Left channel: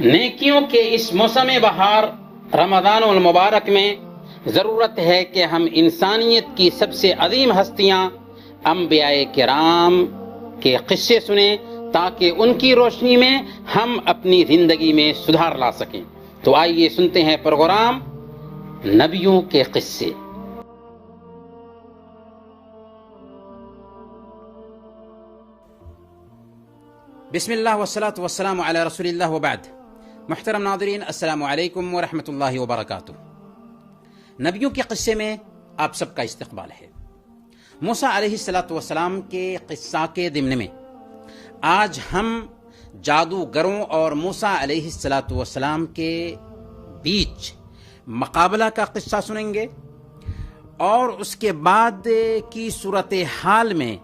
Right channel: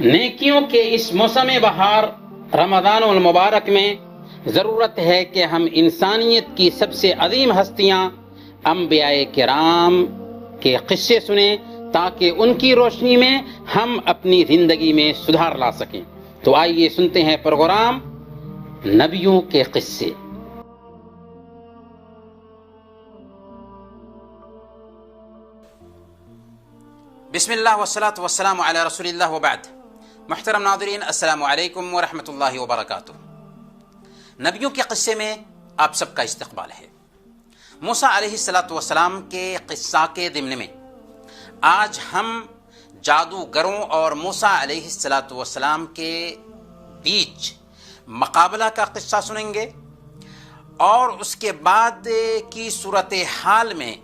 نیکیوں کے اس موسم بہار رمضان المبارک میں ضرورت ہے کہ ہم انسانیت کی سب سے عظیم ہستیاں انبیاء کرام کے قصے سنیں تاکہ ان کی روشنی میں ہم اپنی زندگی میں سدھار لا سکیں۔ تو آئیے سنتے ہیں پروگرام نبیوں کے قصے۔ بسم اللہ والصلاة والسلام علی رسول اللہ وبعد۔ محترم ناظرین، السلام علیکم ورحمۃ اللہ وبرکاتہ۔ نبیوں کے قصے میں آپ سب کا استقبال ہے۔ موسیٰ علیہ السلام کے قصہ کے ضمن میں آج ہم جادوگروں اور موسیٰ علیہ السلام کے بیچ مقابلہ کا قصہ سنیں گے، اور اس کے بعد کی صورتحال میں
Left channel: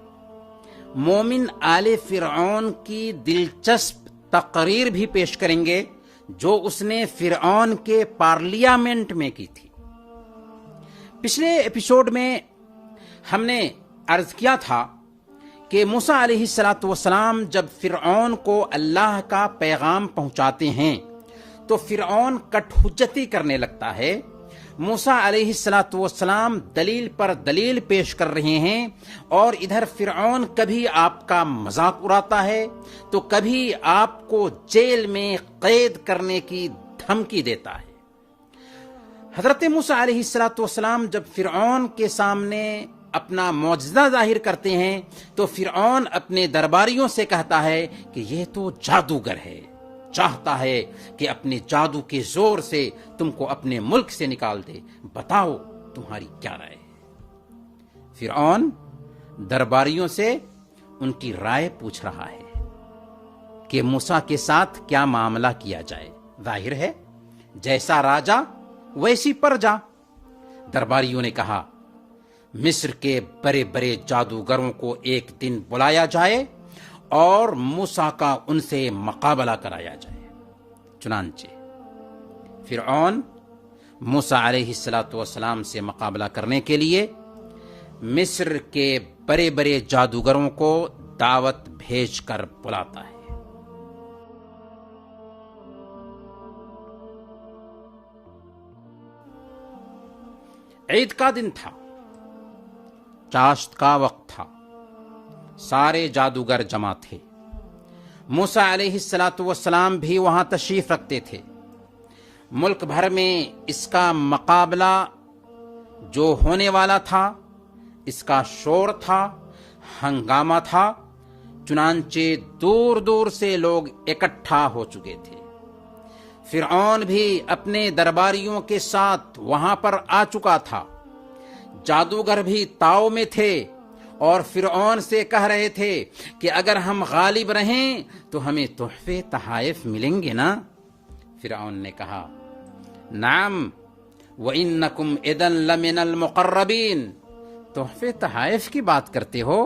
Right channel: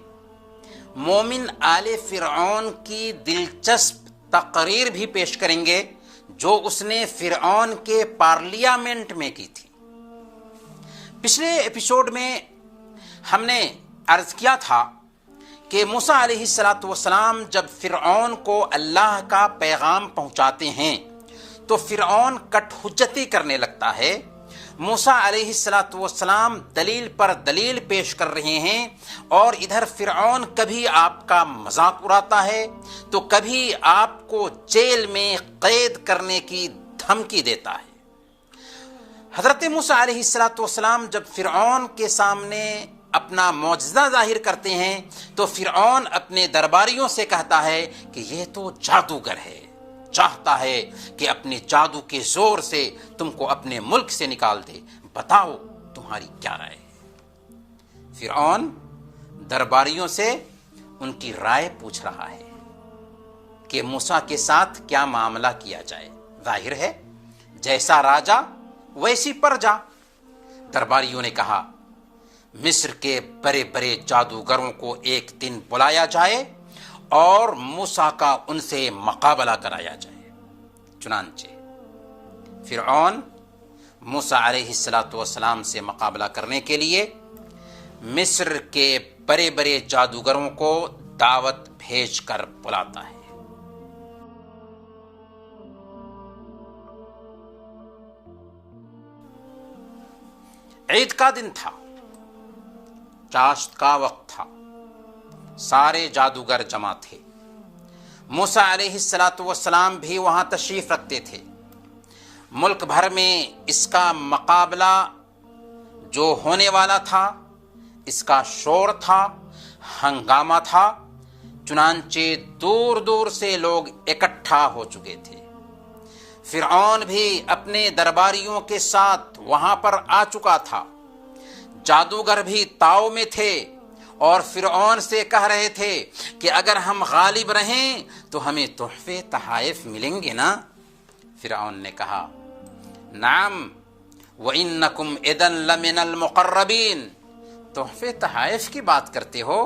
مومن آل فرعون کی دلچسپ تقریر بھی پیش کریں گے جو اس نے فرعون کے پارلیمنٹ میں کی تھی۔ پچھلے ایپیسوڈ میں ہم نے عرض کیا تھا کہ موسیٰ علیہ السلام جب فرعون کو اللہ کا پیغام پہنچاتے ہیں تو فرعون کٹ حجتی کرنے لگتا ہے۔ موسیٰ علیہ السلام دلیل پر دلیل پیش کر رہے ہیں، اور ادھر فرعون کبھی آپ کا مذاق اڑاتا ہے تو کبھی آپ کو جیل میں قید کرنے کی دھمکی دیتا ہے۔ حضرت موسیٰ علیہ السلام جب فرعون کے سامنے اپنا معجزہ ظاہر کرتے ہیں تو فرعون اپنے درباریوں سے کہتا ہے کہ یہ تو جادوگر ہے، چاہتا ہے کہ اپنے جادو کے زور سے تم کو اپنے ملک سے نکال دے، بتاؤ تمہاری کیا رائے ہے۔ فرعون درباریوں سے ان کی رائے پوچھ رہا ہے کہ موسیٰ کے ساتھ کیا معاملہ کیا جائے۔ ظاہر ہے جیسا راجا ویسی پرجا۔ درباریوں نے کہا مصر کے بڑے بڑے جادوگروں کو ایک دن بلایا جائے اور موسیٰ کا ان سے مقابلہ کرایا جائے۔ چنانچہ فرعون موسیٰ علیہ السلام سے مقابلہ کرنے کے لیے مصر کے بڑے بڑے جادوگروں کو دعوت بھیج کر بلاتا ہے۔ عید کا دن تھا، چاشت کا وقت تھا، سارے جادوگر جمع تھے۔ موسیٰ علیہ السلام بھی وہاں تشریف رکھتے تھے۔ ملک بھر میں اس کا مقابلہ جو ہونے والا تھا، اس کا شور تھا، ہنگامہ تھا، چنانچہ دور دور سے لوگ اکٹھا ہو چکے تھے۔ فرعون بھی اپنے درباریوں کے ساتھ وہاں پر آ چکا تھا۔ جادوگر بھی تاؤ میں تھے اور فرعون سے کہہ رہے تھے کہ اگر ہم غالب رہیں تو ہمیں تحفے تحائف ملیں گے نا۔ فرعون نے کہا نعم وَإِنَّكُمْ إِذًا لَمِنَ الْمُقَرَّبِينَ۔ تحفے تحائف کی بات کرتے ہو،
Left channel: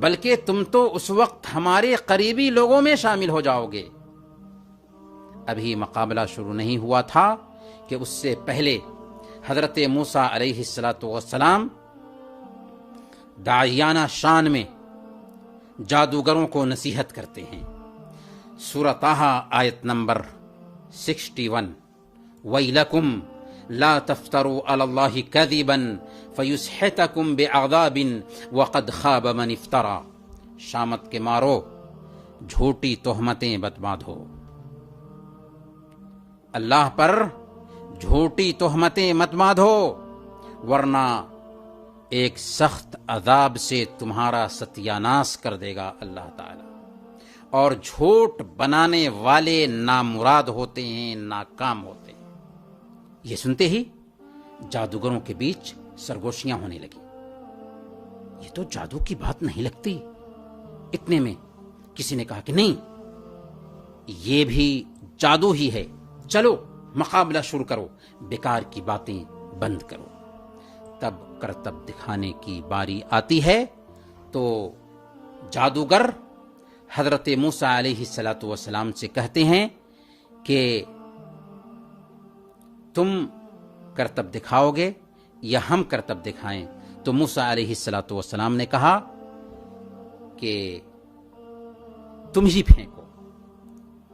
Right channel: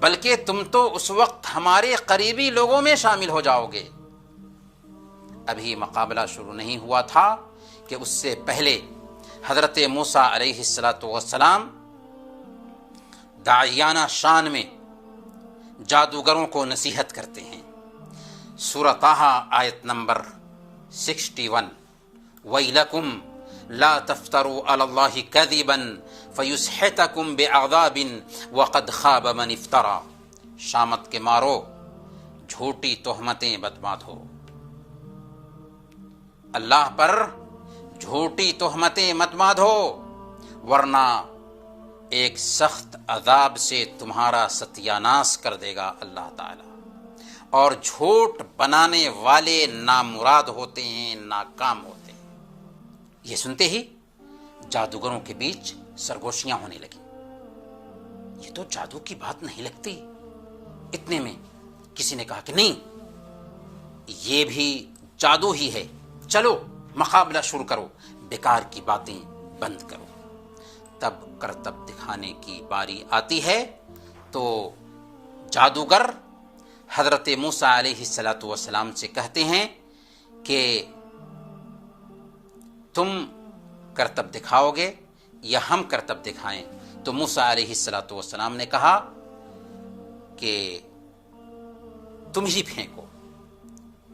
بلکہ تم تو اس وقت ہمارے قریبی لوگوں میں شامل ہو جاؤ گے۔ ابھی مقابلہ شروع نہیں ہوا تھا کہ اس سے پہلے حضرت موسیٰ علیہ السلام داعیانہ شان میں جادوگروں کو نصیحت کرتے ہیں۔ سورہ طٰہٰ آیت نمبر 61، وَيْلَكُمْ لَا تَفْتَرُوا عَلَى اللَّهِ كَذِبًا فَيُسْحِتَكُمْ بِأَعْذَابٍ وَقَدْ خَابَ مَنِ افْتَرَىٰ۔ شامت کے مارو، جھوٹی تہمتیں مت باندھو، اللہ پر جھوٹی تہمتیں مت باندھو، ورنہ ایک سخت عذاب سے تمہارا ستیہ ناش کر دے گا اللہ تعالی۔ اور جھوٹ بنانے والے نامراد ہوتے ہیں، ناکام ہوتے ہیں۔ یہ سنتے ہی جادوگروں کے بیچ سرگوشیاں ہونے لگی۔ یہ تو جادو کی بات نہیں لگتی۔ اتنے میں کسی نے کہا کہ نہیں، یہ بھی جادو ہی ہے، چلو مقابلہ شروع کرو، بیکار کی باتیں بند کرو۔ تب کرتب دکھانے کی باری آتی ہے تو جادوگر حضرت موسیٰ علیہ السلام سے کہتے ہیں کہ تم کرتب دکھاؤ گے یا ہم کرتب دکھائیں؟ تو موسیٰ علیہ السلام نے کہا کہ تم ہی پھینکو۔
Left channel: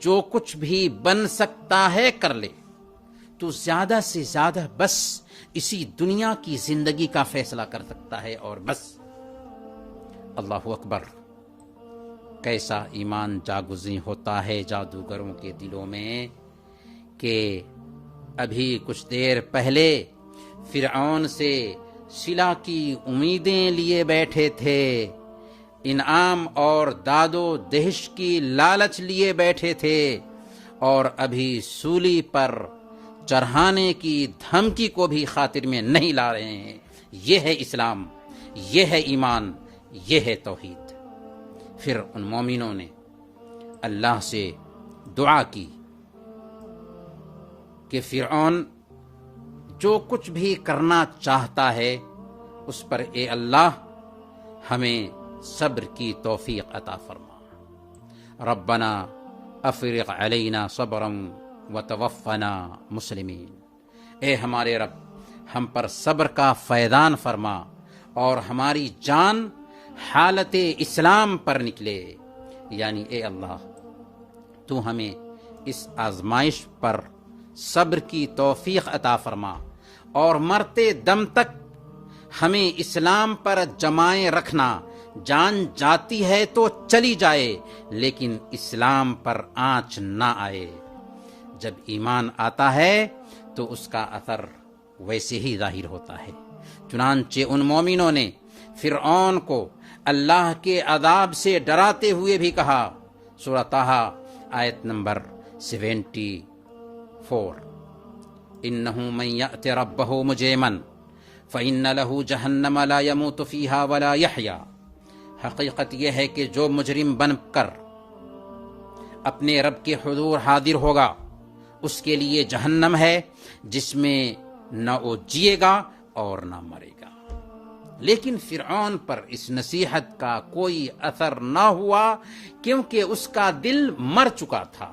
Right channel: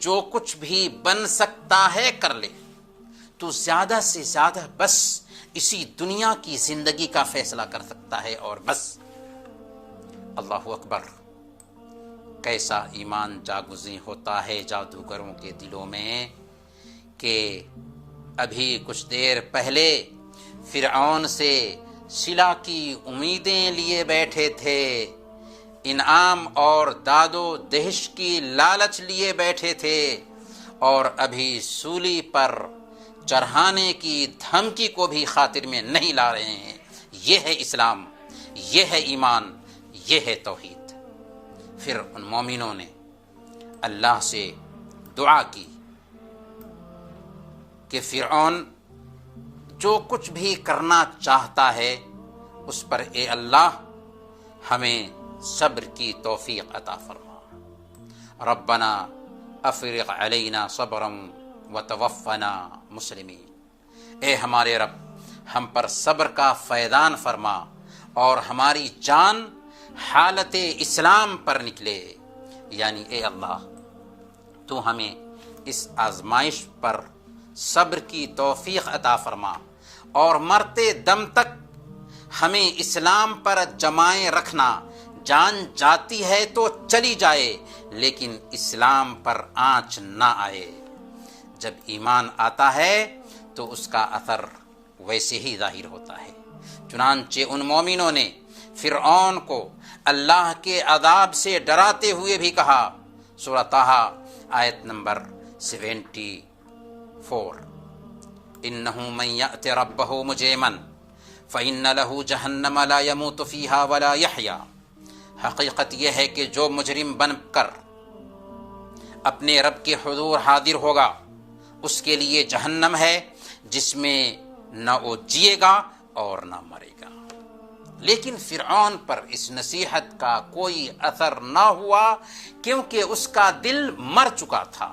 جو کچھ بھی بن سکتا ہے کر لے، تو زیادہ سے زیادہ بس اسی دنیا کی زندگی کا فیصلہ کر سکتا ہے اور بس۔ اللہ اکبر! کیسا ایمان جاگزیں ہوتا ہے جادوگروں کے دلوں میں کہ ابھی کچھ دیر پہلے فرعون سے صلہ کی امیدیں لیے بیٹھے تھے، انعام اور داد و دہش کی لالچ لیے بیٹھے تھے، اور ابھی سولی پر چڑھانے کی دھمکی کو بھی خاطر میں نہیں لا رہے ہیں۔ یہ ہے اسلام، یہ ہے ایمان، یہ ہے توحید۔ پھر ان مومنوں نے اللہ سے دعا کی کہ فرعون جو کچھ بھی کرنا چاہتا ہے اس پر اے اللہ ہمیں صبر کی توفیق عطا فرما۔ ربنا افرغ علینا صبرا وتوفنا مسلمین، اے ہمارے رب ہم پر صبر کا فیضان فرما اور ہماری جان حالت اسلام پر نکلے، یعنی اے اللہ تو ہمیں اس آزمائش پر صبر کی توفیق عطا فرما اور مرتے دم تک ہمیں اسلام پر جمائے رکھنا، جان جاتی ہے تو چلی جائے لیکن اسلام پر آنچ نہ آئے۔ جب ایمان آتا ہے تو اس کا اثر ویسے ہی ظاہر ہوتا ہے۔ چنانچہ ان مومنوں نے فرعون کو اللہ کے عذاب سے ڈراتے ہوئے بھی کہا، سورہ طٰہٰ آیت نمبر 74، انہ من یأت ربہ مجرما فإن لہ جہنم لا یموت فیہا ولا یحیا۔ حقیقت یہ ہے کہ جو مجرم بن کر اپنے رب کے حضور حاضر ہوگا اس کے لیے جہنم ہے جس میں نہ وہ جیے گا اور نہ مرے گا۔ لیکن فرعون پر اس نصیحت کا کوئی اثر نہ ہوا کیونکہ اس کا دل مر چکا تھا۔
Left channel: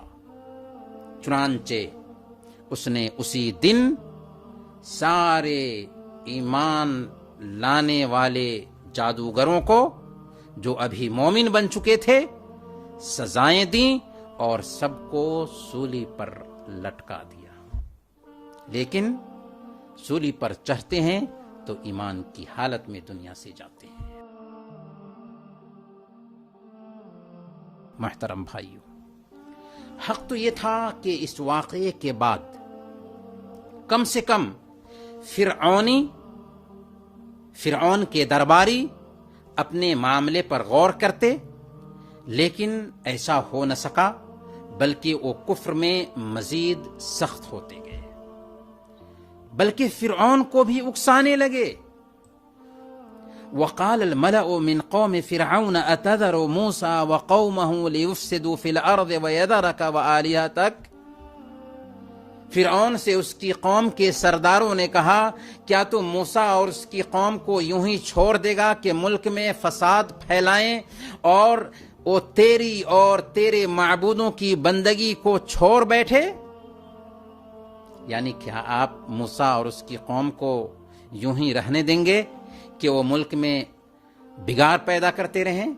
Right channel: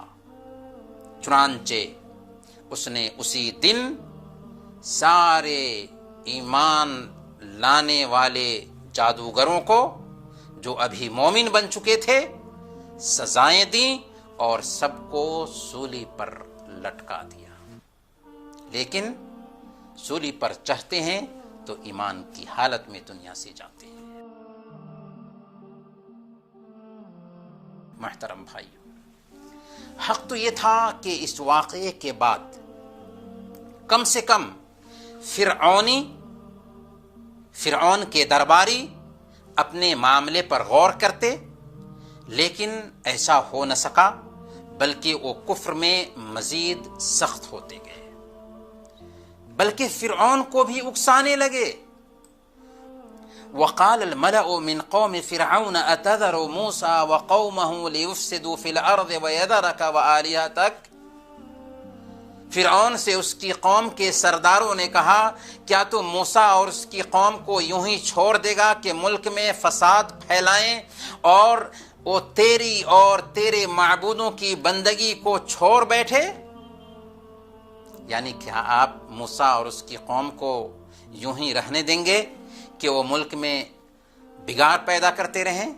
چنانچہ اس نے اسی دن سارے ایمان لانے والے جادوگروں کو جو ابھی مومن بن چکے تھے سزائیں دیں اور سب کو سولی پر لٹکا دیا۔ لیکن سولی پر چڑھتے ہیں تو ایمان کی حالت میں دنیا سے جاتے ہیں۔ محترم بھائیو، حق تو یہ تھا کہ اس واقعے کے بعد کم سے کم فرعون کے درباری اپنے معاملے پر غور کرتے، لیکن ایسا ہو نہ سکا، بلکہ وہ کفر میں مزید سخت ہوتے گئے، بلکہ فرعون کو بھی اکسانے لگے۔ وقال الملأ من قوم فرعون اتذر موسى وقومه ليفسدوا في الارض ويذرك وآلهتك۔ فرعون سے اس کی قوم کے سرداروں نے کہا، کیا تو موسیٰ اور اس کی قوم کو یوں ہی چھوڑ دے گا کہ ملک میں فساد پھیلائیں اور وہ تیری اور تیرے معبودوں کی بندگی کو چھوڑ بیٹھے؟ یعنی کیا آپ موسیٰ اور اس کی قوم کو یوں ہی رہنے دیں گے کہ وہ ملک میں بگاڑ پیدا کرتے رہیں،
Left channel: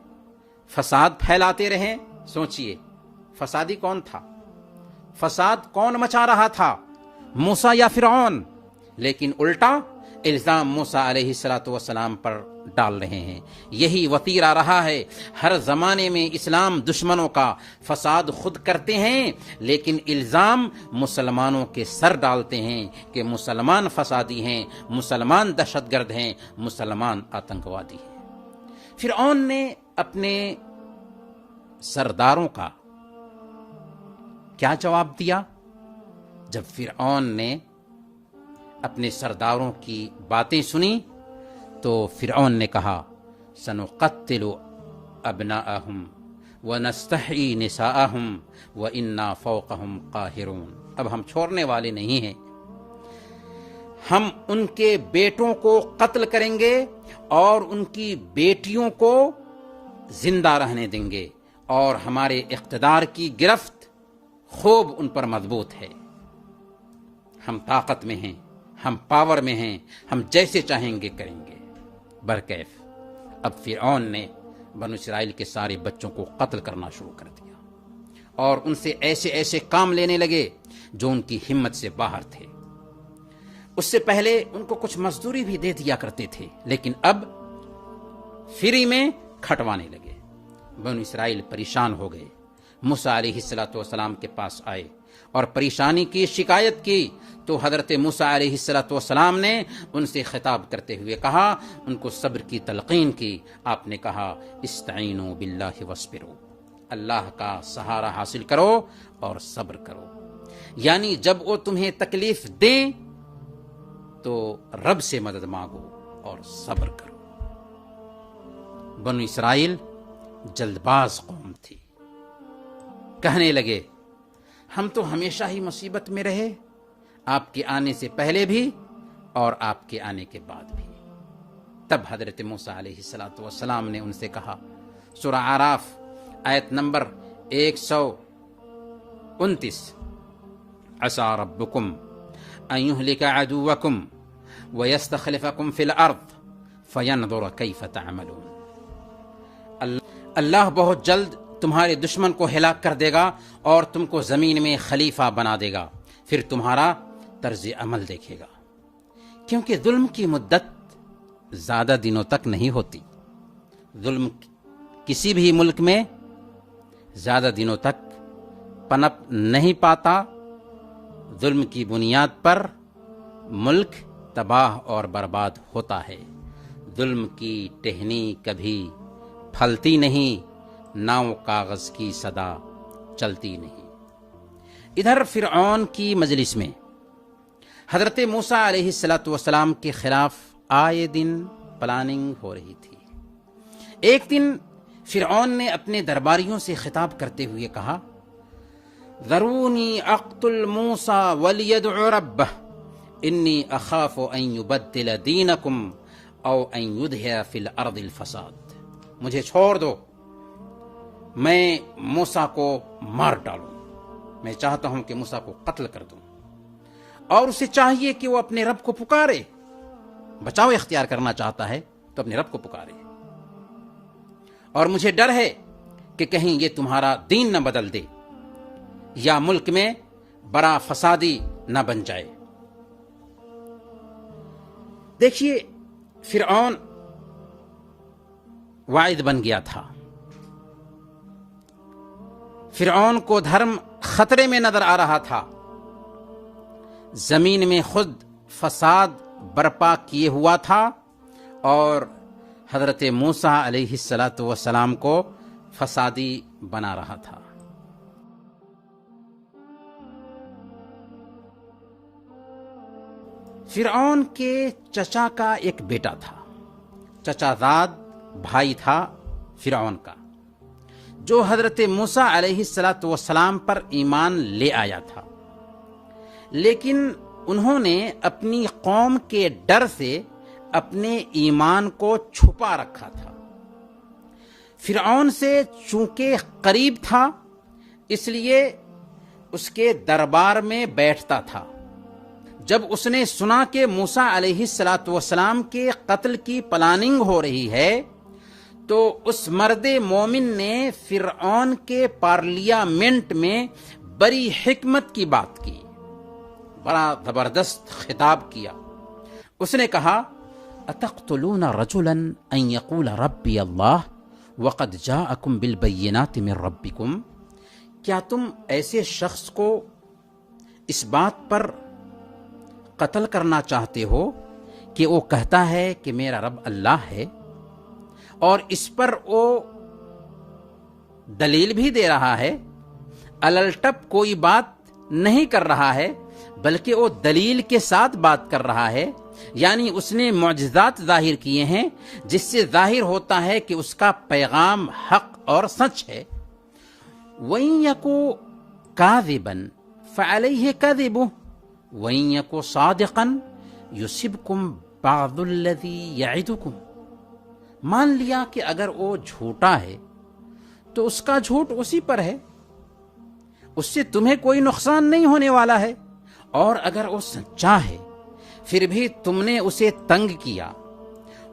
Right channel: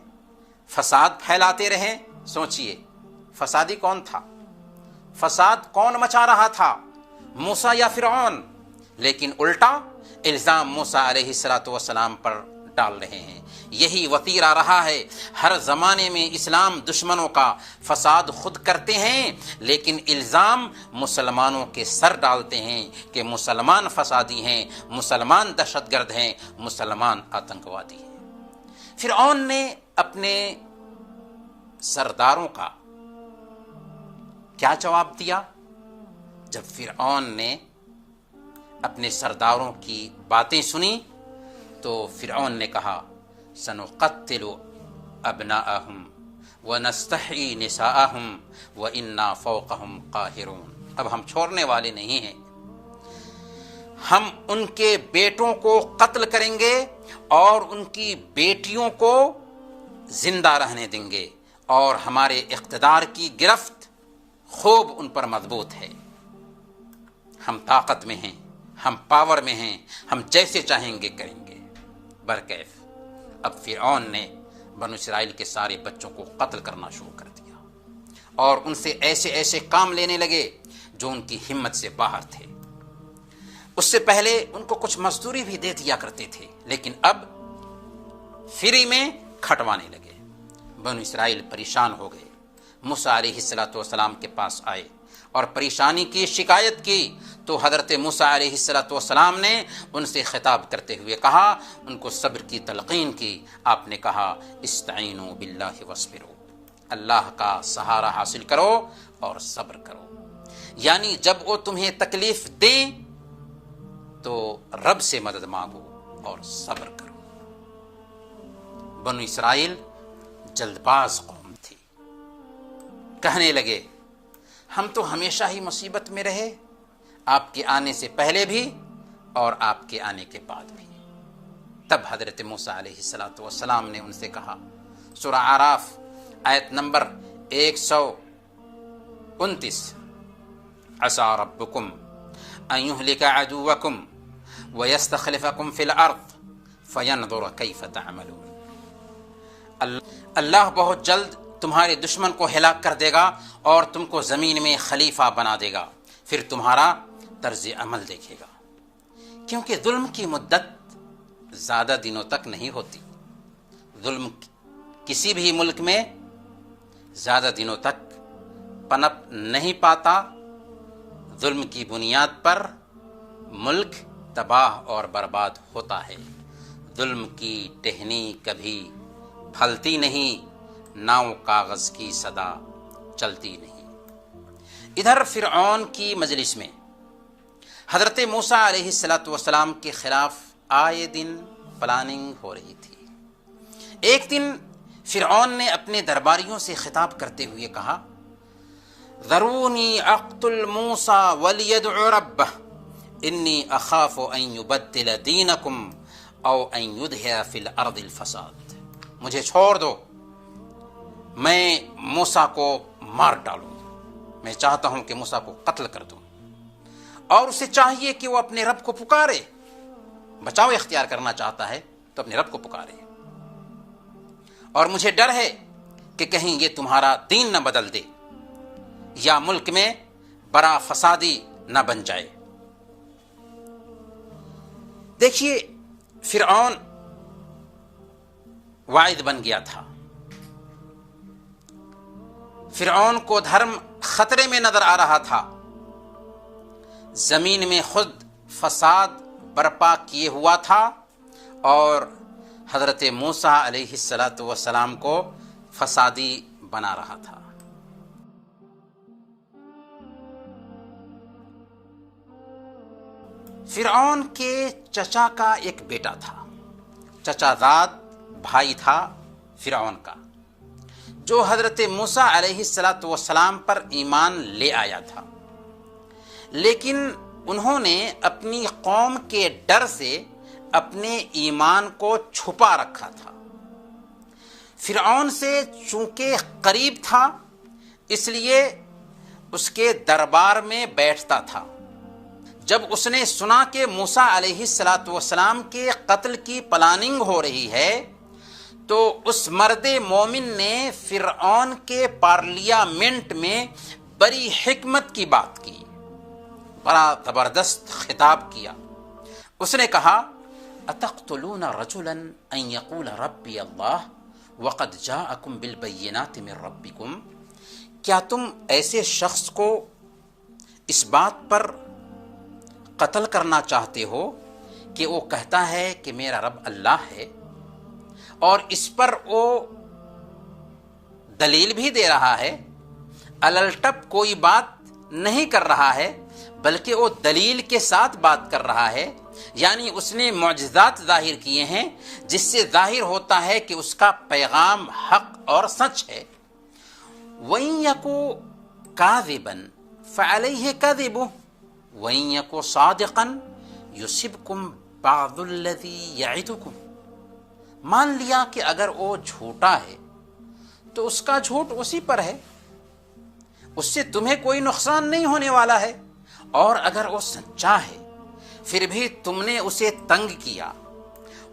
فساد پھیلاتے رہیں؟ سوچئے، فسادی کون تھا؟ فساد کون مچا رہا تھا، موسیٰ یا فرعون؟ لیکن الٹا الزام موسیٰ علیہ السلام پر ڈال رہے ہیں۔ یہی وتیرہ رہا ہے ہر زمانے میں اسلام دشمنوں کا، فساد خود کرتے ہیں لیکن الزام مسلمانوں کے سر ڈالتے ہیں کہ مسلمان فسادی ہیں، مسلمان دہشت گرد ہیں، مسلمان آتنکوادی ہیں۔ فرعون نے اپنے سرداروں کا کیا جواب دیا؟ جب فرعون نے اپنے سرداروں کی باتیں سنی تو فرعون نے کہا، سنقتل ابناءہم ونستحیی نساءہم وإنا فوقہم قاہرون۔ اب ہم چھوڑنے والے نہیں ہیں، ہم ان کے بیٹوں کو قتل کریں گے اور ان کی بیٹیوں کو زندہ رہنے دیں گے، اور ہمارے اقتدار کی گرفت خوب ان پر مضبوط ہے۔ ہم طاقت میں ہیں، ہم پاور میں ہیں، ہم جیسے چاہیں گے کریں گے۔ برکیف اب فرعون نے بنو اسرائیل کے سارے بچوں کو قتل کرنا شروع کر دیا اور ان سے ایسے ایسے کام لینے لگے جو ان کی ہمت سے باہر تھے۔ اس سے پہلے ان کو کچھ مزدوری بھی دے دیا کرتے تھے، لیکن اب فری میں کھٹوانے لگے۔ بنو اسرائیل پریشان ہو گئے، موسیٰ علیہ السلام کے پاس آئے اور پریشانی کی شکایت کی، تو حضرت موسیٰ علیہ السلام نے ان سے خطاب کرتے ہوئے کہا، ان کو صبر کی تلقین کی۔ آپ نے کہا استعینوا باللہ واصبروا، اللہ کا سہارا حاصل کرو اور صبر کرو، یعنی جب وہ تمہیں تکلیف دیں تو رب سے مدد مانگو اور صبر کرو۔ بنو اسرائیل جلد باز قوم تھی، کہنے لگے ہم تو ہمیشہ ہی مصیبت میں رہے، آپ کے آنے سے پہلے بھی اور آپ کے آنے کے بعد بھی۔ تب حضرت موسیٰ علیہ السلام نے ان سے کہا، سورہ اعراف آیت نمبر 129، عسیٰ ربکم ان یہلک عدوکم ویستخلفکم فی الارض فینظر کیف تعملون۔ اللہ بہت جلد تمہارے دشمن کو ہلاک کر دے گا اور تم کو زمین میں خلیفہ بنا دے گا، پھر تمہارا طرز عمل دیکھے گا، کیونکہ ظلم کی مدت زیادہ دنوں تک نہیں ہوتی۔ ظلم کسی بھی ملک میں زیادہ دنوں تک پنپ نہیں پاتا، ظلم کی بنیاد پر ملک تباہ اور برباد ہوتا ہے۔ ظلم کی ٹہنی کبھی پھلتی نہیں، ناؤ کاغذ کی صدا چلتی نہیں۔ ادھر فرعون کی مجلس میں حضرت موسیٰ علیہ السلام کے خلاف آئے دن پلاننگ ہو رہی تھی۔ ایک دن فرعون نے اپنے درباریوں سے خطاب کرتے ہوئے کہا، ذرونی اقتل موسیٰ ولیدع ربہ انی اخاف ان یبدل دینکم او ان یظہر فی الارض الفساد۔ مجھے چھوڑ دو، میں موسیٰ کو مار ڈالوں، میں چاہتا ہوں کہ موسیٰ کو قتل کر دوں، اور اسے چاہیے کہ وہ اپنے رب کو پکارے، بچاؤ اختیار کرنا چاہتا ہے تو اپنے رب کو پکارے، اور مجھے ڈر ہے کہ کہیں یہ تمہارا دین نہ بدل دے یا ملک میں بڑا فسادی نہ بن جائے۔ دیکھیے فرعون واعد بن گیا تھا، فرعون کو دھرم خطرے میں نظر آ رہا تھا، زمین میں خود فساد برپا کیے ہوا تھا اور حضرت موسیٰ علیہ السلام کو فسادی بنا رہا تھا۔ فرعون کے چچا کا ایک بیٹا تھا، چچا زاد بھائی تھا فرعون کا، جو حضرت موسیٰ علیہ السلام پر ایمان لے آیا تھا، لیکن انہوں نے اپنی قوم کے ڈر سے اپنے ایمان کو چھپا رکھا تھا۔ فرعون سے چونکہ قریب تھا اس لیے اس کے دربار میں بیٹھتا تھا۔ جب اس نے سنا کہ موسیٰ علیہ السلام کے قتل کی پلاننگ ہو رہی ہے تو اس مرد مومن نے فرعون کے پارلیامنٹ میں بڑی حکمت کی بات کی، بڑا زبردست خطاب کیا۔ اس نے کہا، اتقتلون رجلا ان یقول ربی اللہ وقد جاءکم بالبینات من ربکم، کیا تم ایسے شخص کو اس بات پر قتل کرنا چاہتے ہو کہ وہ کہتا ہے کہ میرا رب اللہ ہے، اور اس پر وہ دلیل بھی دے رہا ہے، الٹپ کوئی بات نہیں کر رہا ہے بلکہ وہ دلیل کے ساتھ بات کر رہا ہے، یعنی اس نے معجزات ظاہر کیے ہیں جس سے ظاہر ہوتا ہے کہ اس کا پیغام حق اور سچ ہے۔ وَإِن يَكُ كَاذِبًا فَعَلَيْهِ كَذِبُهُ وَإِن يَكُ صَادِقًا يُصِبْكُم بَعْضُ الَّذِي يَعِدُكُم، مان لیا کہ اگر وہ جھوٹا ہے تو اس کا جھوٹ اسی پر ہے، اس سے تمہیں کوئی نقصان نہیں ہونے والا ہے، اور اگر وہ سچا ہے پھر بھی تم نے اسے تنگ کیا،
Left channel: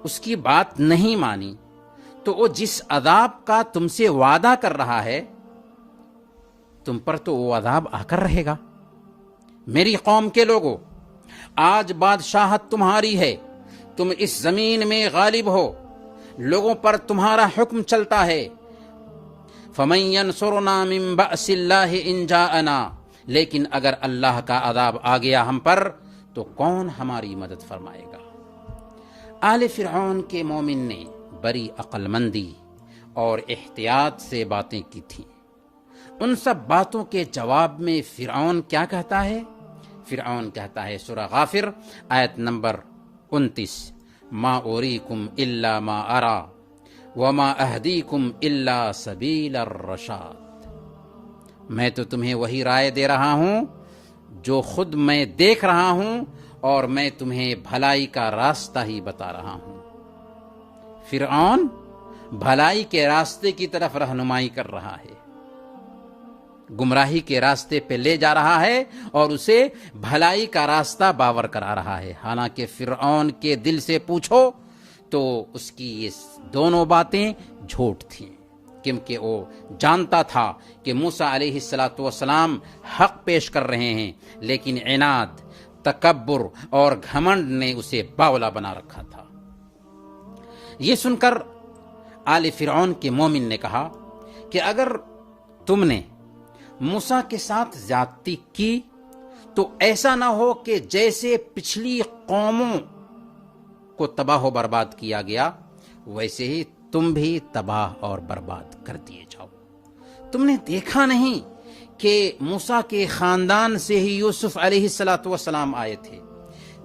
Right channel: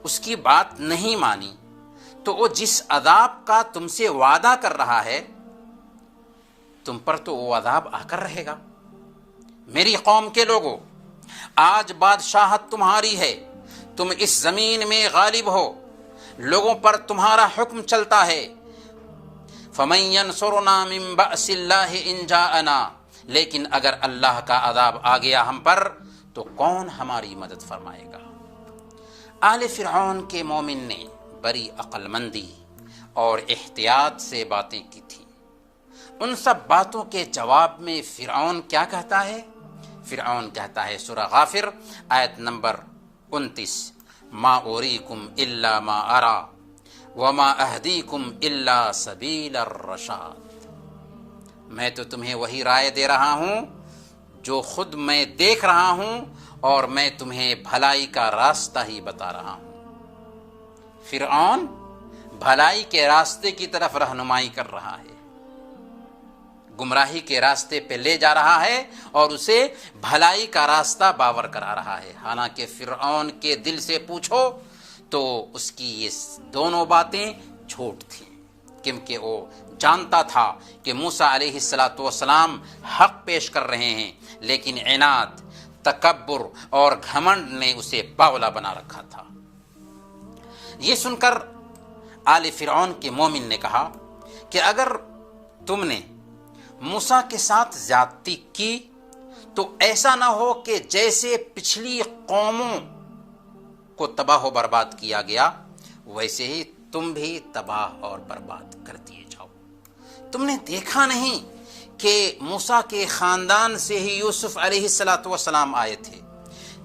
اس کی بات نہیں مانی، تو وہ جس عذاب کا تم سے وعدہ کر رہا ہے تم پر تو وہ عذاب آ کر رہے گا۔ میری قوم کے لوگوں، آج بادشاہت تمہاری ہے، تم اس زمین میں غالب ہو، لوگوں پر تمہارا حکم چلتا ہے۔ فَمَن يَنصُرُنَا مِن بَأْسِ اللَّهِ إِن جَاءَنَا، لیکن اگر اللہ کا عذاب آ گیا ہم پر تو کون ہماری مدد فرمائے گا؟ آل فرعون کے مومن نے بڑی عقل مندی اور احتیاط سے باتیں کی تھی۔ ان سب باتوں کے جواب میں فرعون کیا کہتا ہے؟ فرعون کہتا ہے سورہ غافر آیت نمبر 29، ما اوریکم الا ما ارا وما اہدیکم الا سبیل الرشاد، میں تو تمہیں وہی رائے دے رہا ہوں جو خود میں دیکھ رہا ہوں، اور میں تمہیں بھلائی کا راستہ ہی بتا رہا ہوں۔ فرعون بھلائی کے راستے کی طرف رہنمائی کر رہا ہے، گمراہی کے راستے پہ لے جا رہا ہے اور اسے بھلائی کا راستہ باور کرا رہا ہے۔ حالانکہ فرعون کے دل سے پوچھو تو اس کی یہ دونوں باتیں جھوٹ تھیں، کیونکہ وہ جانتا تھا کہ موسیٰ علیہ السلام حق پیش کر رہے ہیں، لیکن عناد، تکبر اور گھمنڈ نے اسے باولا بنا رکھا تھا۔ یہ سن کر آل فرعون کے مومن نے کہا کہ اگر تم نے موسیٰ کے ساتھ زیادتی کی تو ایسا نہ ہو کہ جیسے پچھلی قوموں کو تباہ و برباد کیا گیا ویسے ہی تم بھی تباہ اور برباد کر دیے جاؤ۔ تم نے دیکھا نہیں کہ موسیٰ کے خاندان سے ہی یوسف علیہ السلام آئے تھے،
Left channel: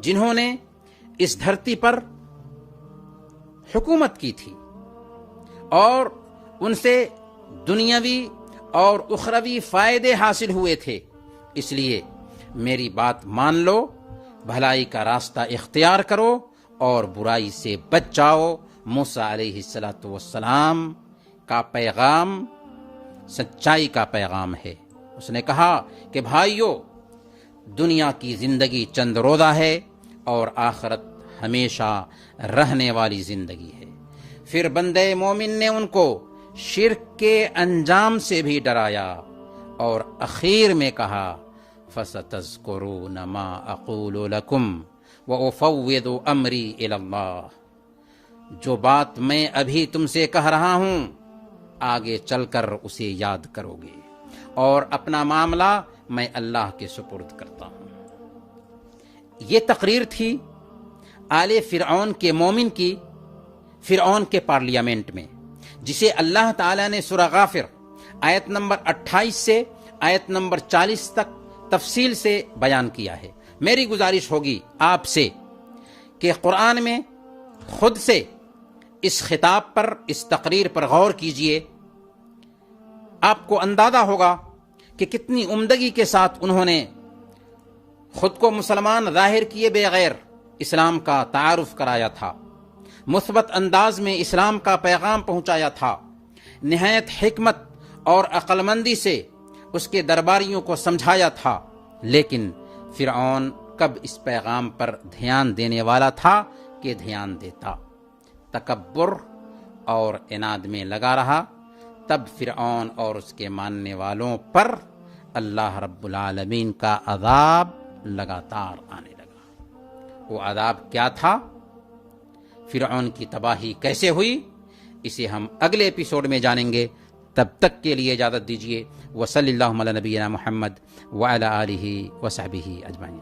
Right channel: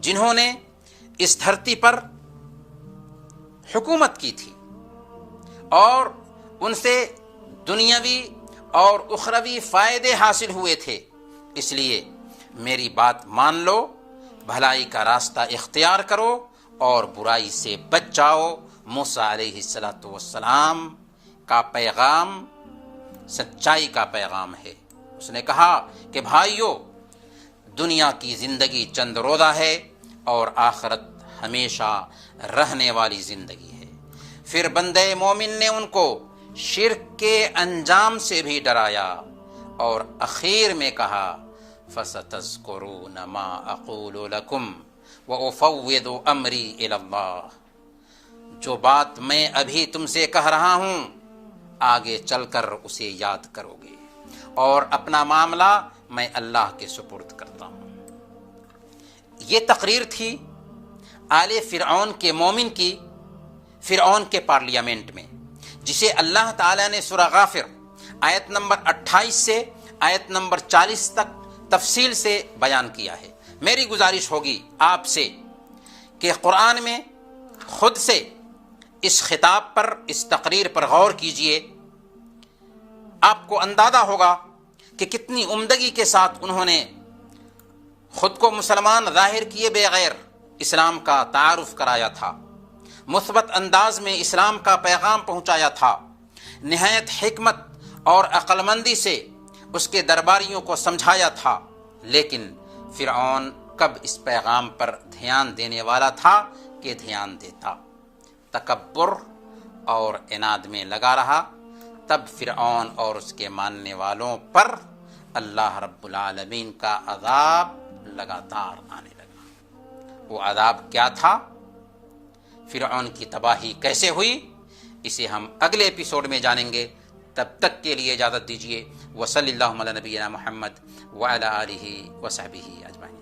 جنہوں نے اس دھرتی پر حکومت کی تھی اور ان سے دنیاوی اور اخروی فائدے حاصل ہوئے تھے۔ اس لیے میری بات مان لو، بھلائی کا راستہ اختیار کرو اور برائی سے بچ جاؤ۔ موسیٰ علیہ السلام کا پیغام سچائی کا پیغام ہے۔ اس نے کہا کہ بھائیو، دنیا کی زندگی چند روزہ ہے اور آخرت ہمیشہ رہنے والی زندگی ہے۔ پھر بندے مومن نے ان کو شرک کے انجام سے بھی ڈرایا اور اخیر میں کہا فَسَتَذْكُرُونَ مَا أَقُولُ لَكُمْ وَأُفَوِّضُ أَمْرِي إِلَى اللَّهِ، جو بات میں ابھی تم سے کہہ رہا ہوں آگے چل کر اسے یاد کرو گے، اور اپنا معاملہ میں اللہ کے سپرد کرتا ہوں۔ یہ تقریر تھی آل فرعون کے مومن کی فرعون کے پارلیمنٹ میں، جسے اللہ تعالیٰ نے سورہ غافر آیت نمبر 28 سے آیت نمبر 40 تک تفصیل سے بیان کیا ہے۔ میری گزارش ہوگی آپ سے کہ قرآن میں خود سے اس خطاب پر، اس تقریر پر غور کیجئے، آپ کو اندازہ ہوگا کہ کتنی عمدگی کے ساتھ انہوں نے خود کو مسلمان ظاہر کیے بغیر اسلام کا تعارف کرایا تھا، مثبت انداز میں اسلام کا پیغام پہنچایا تھا، نہایت حکمت اور عقل مندی سے اس کے درباریوں کو سمجھایا تھا۔ لیکن فرعون کب اس پیغام پر دھیان دینے والا تھا کہ دھیان دیتا؟ تکبر اور عناد میں لگا رہا۔ تب فرعون اور اس کے ماننے والوں پر اللہ رب العالمین کا عذاب لگاتار آنے لگا۔ وہ عذاب کیا تھا؟ فرعون کی تباہی کیسے ہوئی؟ اسے ہم اگلے ایپیسوڈ میں جانیں گے۔ تب تک کے لیے اجازت دیجیے۔ وصلی اللہ علی نبینا محمد وعلی آلہ وصحبہ اجمعین۔